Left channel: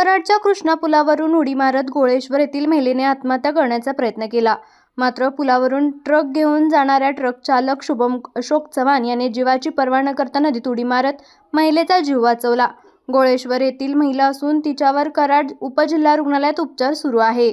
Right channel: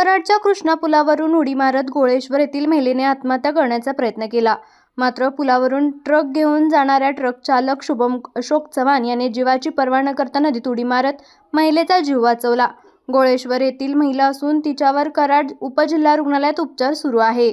कराडच्या कृष्णा पुलावरून उडी मारत गोळेश्वर येथील महिलेने आत्महत्या करण्याचा प्रयत्न केला. मात्र पुलावरून ट्रक घेऊन जाणाऱ्या ट्रक चालक शुभम अशोक चव्हाण याने जीवाची पर्वा न करता नदीत उडी मारत महिलेचा जीव वाचवला. गोळेश्वर येथील महिला असून तिच्यावर कराड उपजिल्हा रुग्णालयात उपचार सुरू आहे.